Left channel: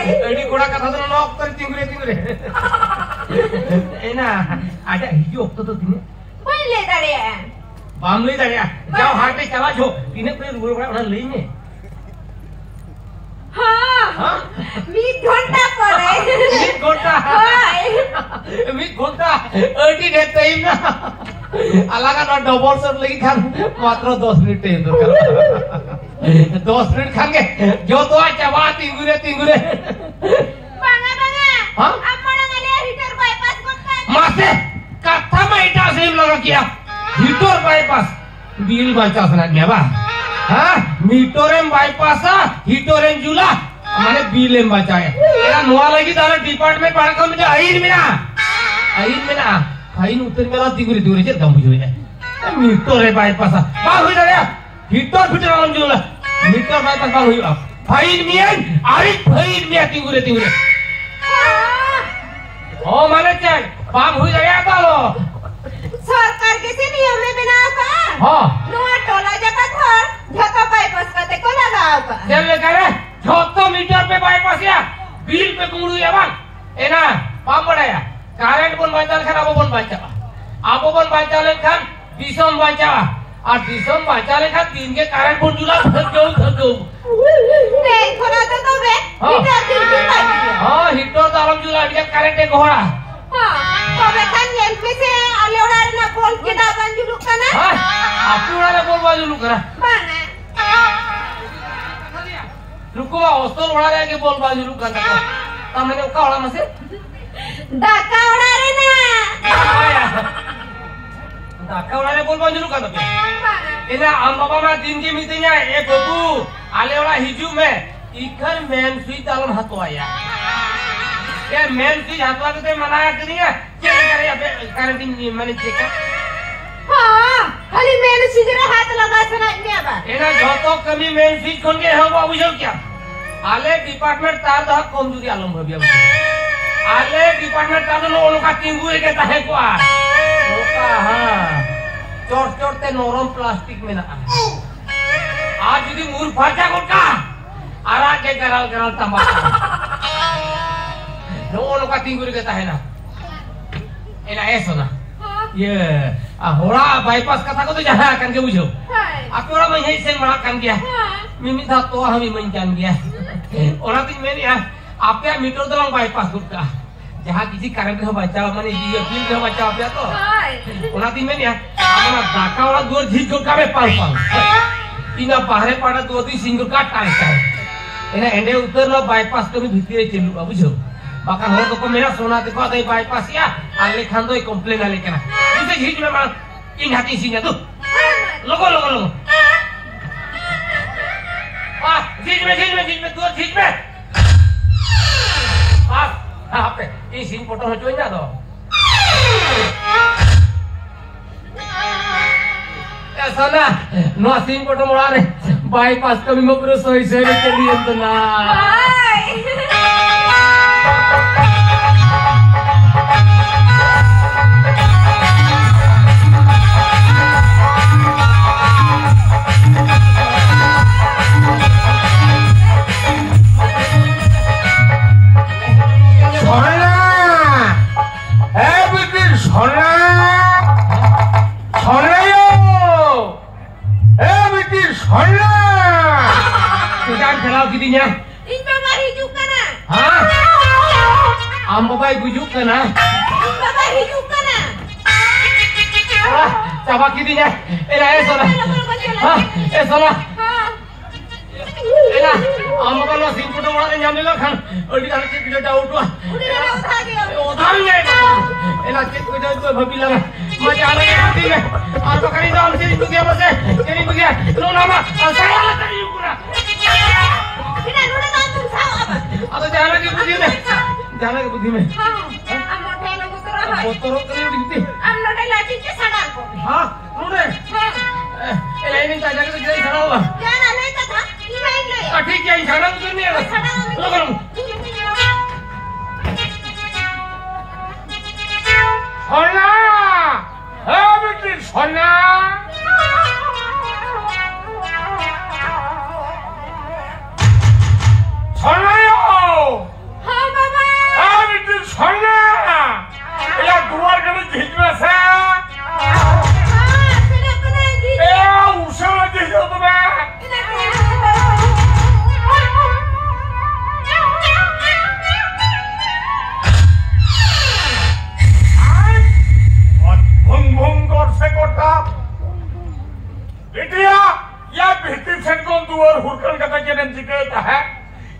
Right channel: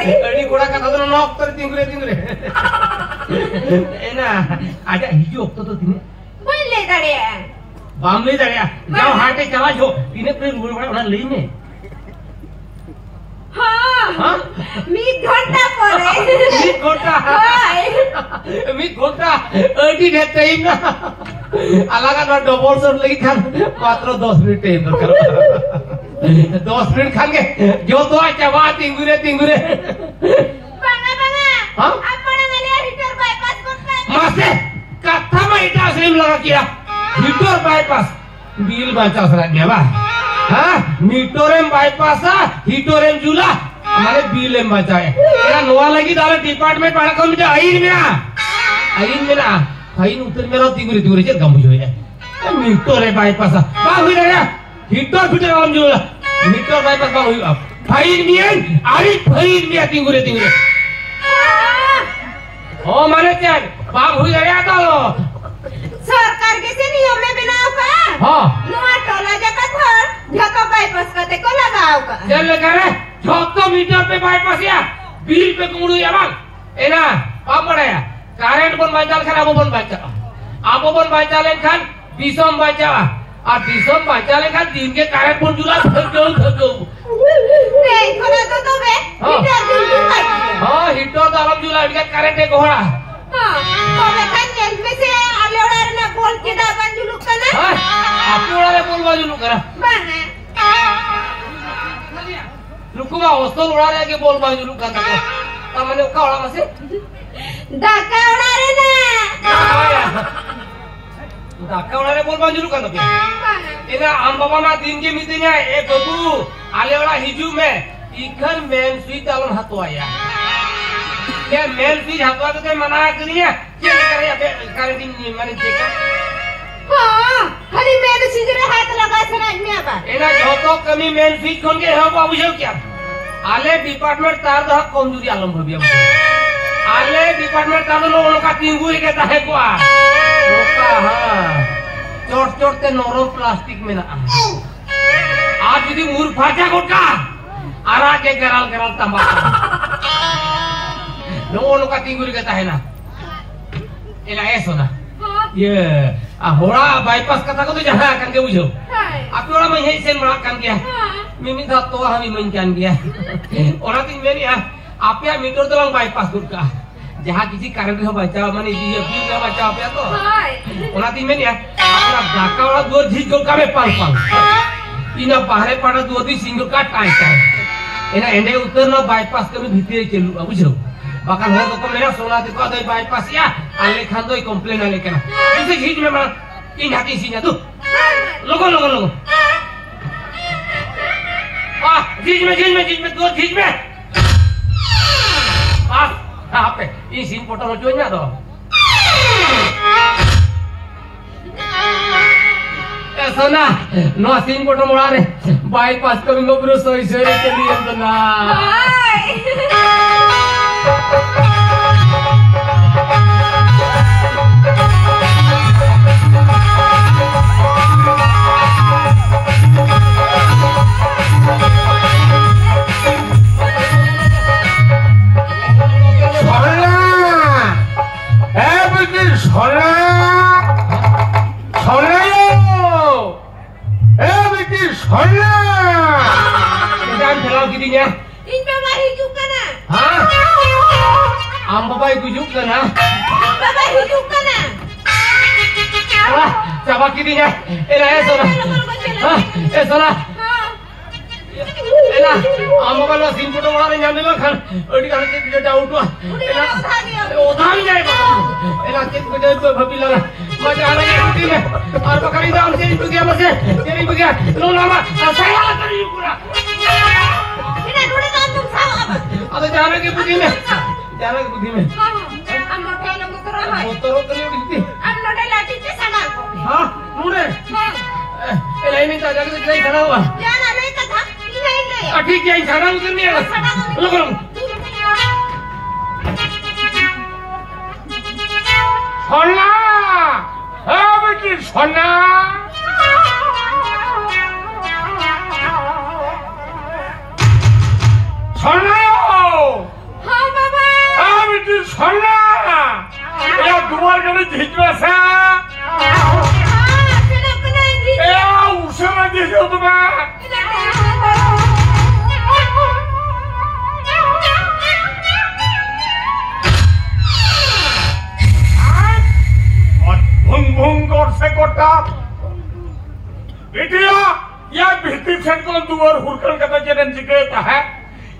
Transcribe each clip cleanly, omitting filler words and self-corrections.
Ini koda kata tu nok tinggal. Enak. Ada hijau tu tini. boleh tadi ya Bangli tadi ya. Jauh hati cawa jo. Tini tu orang lain ni. हाँ meet घंटा पड़े meet घंटा अड़ी रहते ही ना अलग अलग double sir लगी था मात्र 10 मिनट टेन 10 मिनट खाएंगे जो तो अच्छा बात तिंगुरे बांगा हाँ अपना वाले हीटर बाईपास करता मासे कथा में इटा सेम लगा किया हीटर बाईपास बिल बाईपास लगा गया बा हाँ मीटोरेम बाईपास हीटोरेम जुला मैंने बिल बचाए यार नोआ लगी तारा डिपार्टमेंट पढ़ा कौन बेटा आइन में ना उतर मेरा तिगुरी जे दम हुई है मीटोरे बाईपास बा हुई ना गया हीटर फिटर ऑन जुला मीटर बाईपास बा हुई फाइन में तिगुरी ओ माने क्या बा हुई गया तालो सरकार किसी नियम में बिना का हां नुआ टोला जका था झका बाईपास करते को लगाओ का चल लगा रे 600 मीटर पे बाईपास या बिल पे कुंडू या बाल एना पाप पड़ाया करंट बन बाइचाल खान आबो बन बाइचाल खान दिसम बाइचाल और दिसम बाइचाल खान दिन के करंट बन जुला खजो नहीं खोला तो बे हीटर दिन के बाइक हां हीटर दारम जुला इनके करंट एक घोड़ा हां तो बेखान ये में से आलेवड़ा ना बोल के दाबन जुलू kana हां आपने वाला बोल वाला जुलू करा बने रुको हॉस्टल उड़ा रहा है कि बोल बाजू रुका था तमने का उड़ा मसे धक्का उड़ा रे ना धक्का उड़ा रे बोल बाजू रुका ना इना हम बाबा ना दिन के मीटिंग है ए बाबू आले वाला हिजू में इखर मेन स्वीट आलन हतो आया क्या मेन स्वीट हतो तो मना करी है क्या करे अबे क्वारंटाइन माने चेक हां खाली मेन सीजरे हाथ लगा सना में बा एना जो कमी मेन स्वीट कोन के हम बाबू सब क्या आले डिपार्टमेंट तार द कमजोरी आलम हो गया आले डिपार्टमेंट तार नो का तिंगुरी के ताहे को रोका हां चोट ते नरम प्लास्टिक में ना आज यदि मूर फाटा गोटा आरा के गराल तंबा नो का तिंगुरी के ताहे ना एना ऐसो ना ये होड़ा बाईपास कथा को तो जहां kan ke bujo aku orang main sen makan dia mimi satu kami mencan dia orang tin meni ya apa metre तो बाईपास गुटका जहां किसी कारण के बचाव माने ये बिल के बचाव पे तो orang tin meni ya दाका वाला दो झिजो का में पाल इना बाहरे पाड़ा दो दी सिंगल का टाई एना एंडे उतरना बाईपास कमी भीतरे चलू बुझो bahkan hor ko mena sona te ko dai bypass ya ale khan doi complain ale kana ise झीज में बड़ा इन हाथी सीने तू लोगो झीज में दो झीज में हां पे ई सीन फोटो में जोइना दो ऐसा ना नो सीन फोटो मोड़ा रे बाईपास कभी मबरो सही के लिए तो ना हाँ बाबा बेटी सोना या दुआर कने झिजवासा सेना बनाई दी ए उसरा दिजो तुमा से कोटा बेटिया या भीतर से कौन दुआर हुरकल का चलन जिकेता है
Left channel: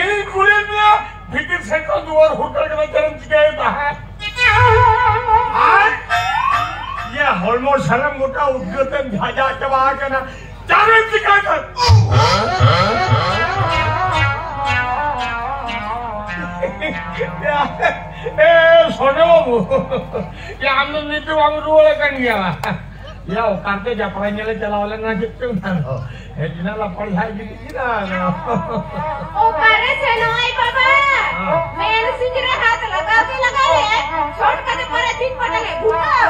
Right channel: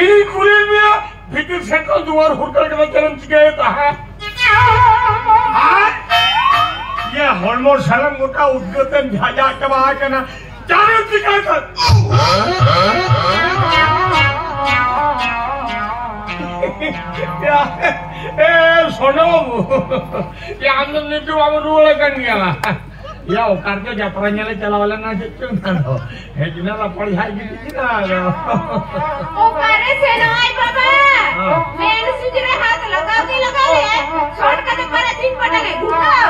इन कुली में भीतर से कौन दुआर हुरकल का चलन जिकेता है ये हॉर्मोन सलम मोटा उद्योतन झाजा चबा के ना जाने जिकेता ए सोनो ये आनंद ने तो बाबू रोल करनिया या ओकारते यात्रा ले चलावले ना जितु ना हे जिनाला पड़ी हाई गिटी ना ओकारे सेनाई बाबा मेन सुजरे हाथ लगा ले शॉट करके पर ठीक पड़ेंगे घुटाओ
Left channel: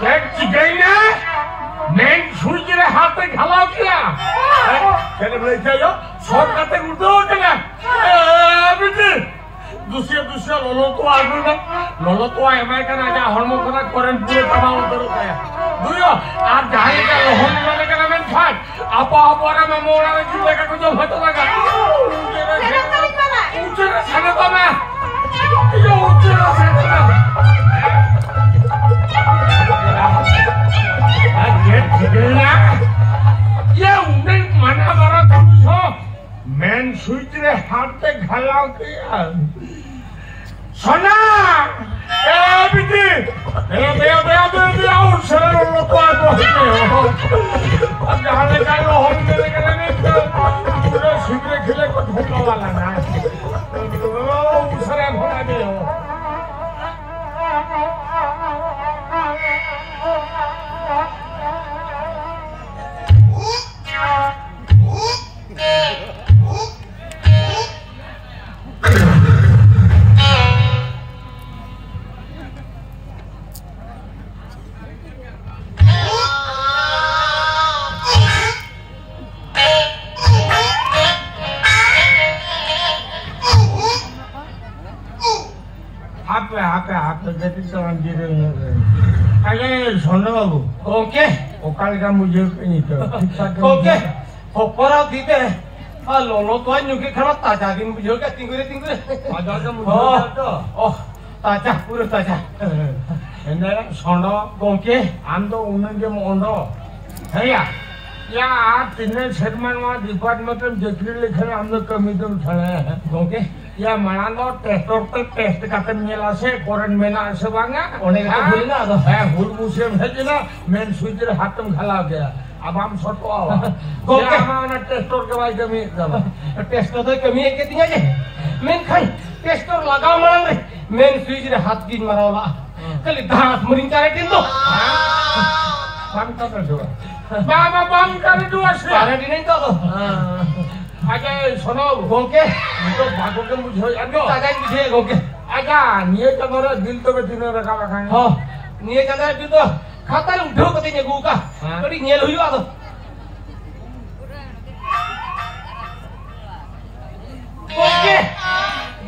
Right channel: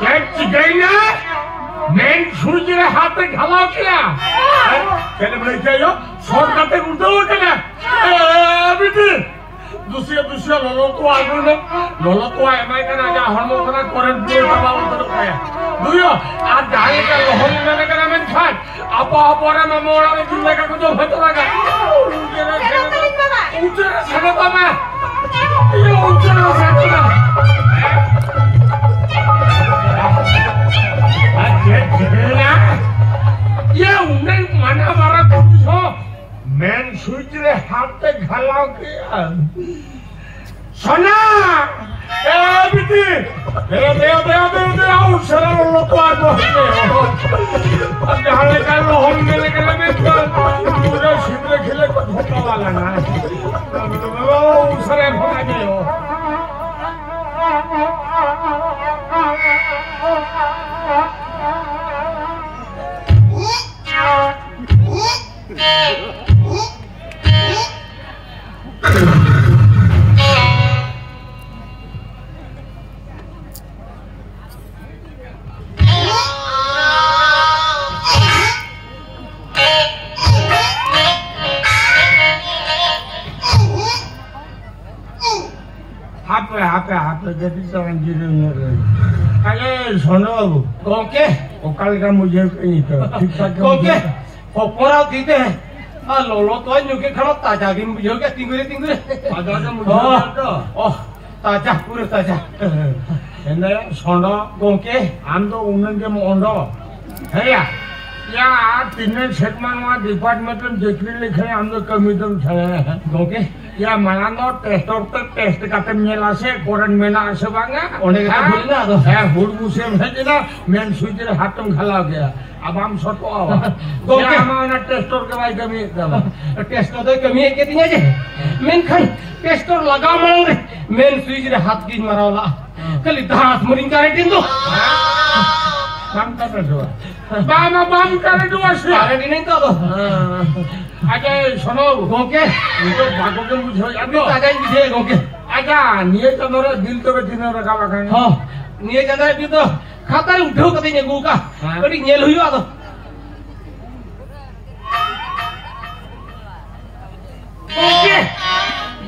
क्या चिकई ना मेन सुजरे हाथ घलाओ किया चले भाई चलो शॉट करते घुटाओ केना बेटी दूसरे लोलो तो आए मैं कहना जा हरमो करा करंट पूरे तमाम करो क्या बुझो आज जाने का होने वाले का मैं फाट आपा रे मैं मोरा में जुए का कुछ होता लगा ऊंचे से तो ना ये ऊंचे से तो ना ये उन्हें मना मारा तुम हो मैन स्विच रे हाथ पे घलाओ किया सोना ए बेटी ए बे उसरा लो पार हो जाने का लो हम मेरे के लगे पूरा शिवरे खिले को धोखा वाला ना उसरे भगा दियो हाथ देखी तो अंजीरे अरे सोनो बाबू ओके ओकाल का मुझे नहीं तो ठीक ठाक ओके ऊपर दीते हैं आ लोलो तो जुके खड़ा ताजा की मुझे क्या तिंगुरे आजा तो मुझे तो ओ ताजा पूरे ताजा एने सोनो ओके हम तो उन्हें के मोंडो है या तीन सेगमेंट में डिपार्टमेंट देखने लिखे हमने कमीशन छले हैं ओके या मलानो टेस्टर तक टेस्ट करते मिला से कोरन में ना से बांगा ओने का भूल ना तो है हुर मुसे भेजना मेन स्विच रे हाथम खला गया अब हम सतो आवा ओके हमारा टेस्टर के भाई कमी टेस्टर तो कमी है के दिया जे मेन खाई टेस्टर लगाओ मन रे मेन स्विच रे हाथ की मारावला कली धास मरिन का रेटिन दो काम कर दो बाम कर दो से रेटिन नहीं तो आजा सुनो ओके तो भागो के मुझे अभी ताजा मुझे ओके आजा निये चंद्र दिल तो के दिन रखा रखांगे हां निये चंद्र दिल तो खाता उठो कते ने गुका कड़ी नेल हुई आ तो ओके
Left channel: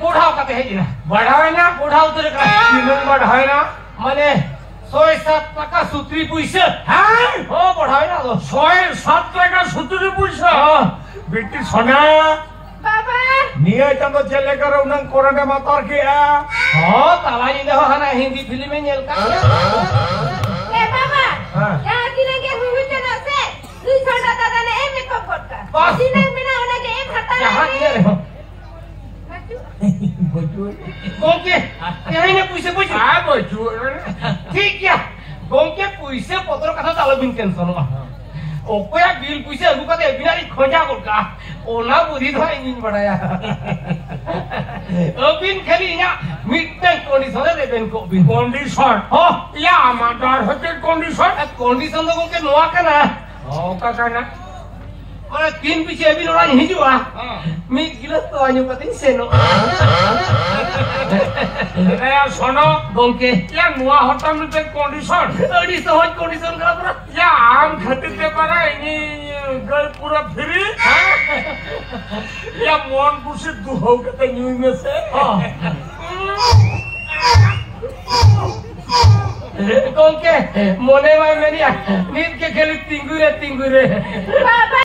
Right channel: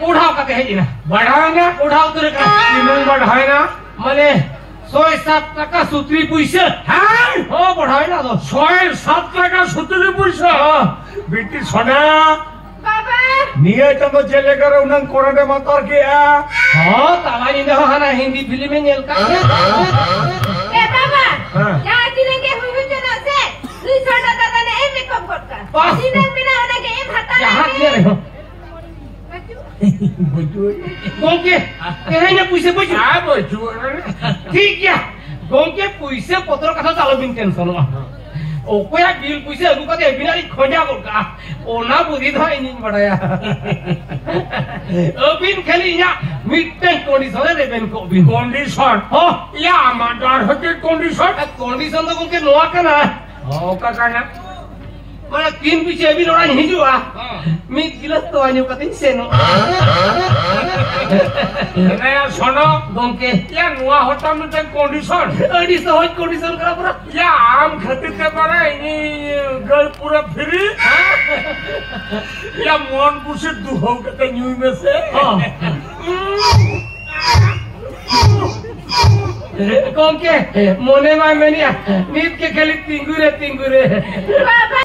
उठाओ कते है जी ना बढ़ावे ना उठाओ तो तीन बढ़ावे ना माने 107 টাকা সূত্রি পয়সা হ্যাঁ ও बढ़ावे ना तो 107 টাকা সূত্রি পয়সা बेटी सोना बाबा निये तो चले करो उन्हें कोरडे मत और किया हां तवानी देखो हना हिंदी फिल्म में नेल का ए बाबा हां यार दिनेंगे हुए चला से तू छोड़ा दादा ने ए मेकअप करता बस दिन में ना होने के एक हटा जहां ले रहे हो गोंके एने पैसे पैसे आ बचू ठीक है गोंके पैसे पत्र कथा चालो बिन टेंशन ना ओकोया बिल पैसे अगु कते बिनारी खोजा गोका ओना बुद्धि तो इंजन बढ़ाया ओ बिन खाली या मिटन कंडीशन रे बेन को बिन कंडीशन हां या हमार होते कंडीशन कंडीशन तो गोंके नोआ कना ओ का करना mana tin piche bin orang hijua mi gilas to anyu katin seno ya sono gongke ya nuwa hotam te condition adi sohoj condition ka pura ya am khatir te para ini gal pura free ya mon kusi duho kata nyui me se gongke mone mai menia nit ke khali tingure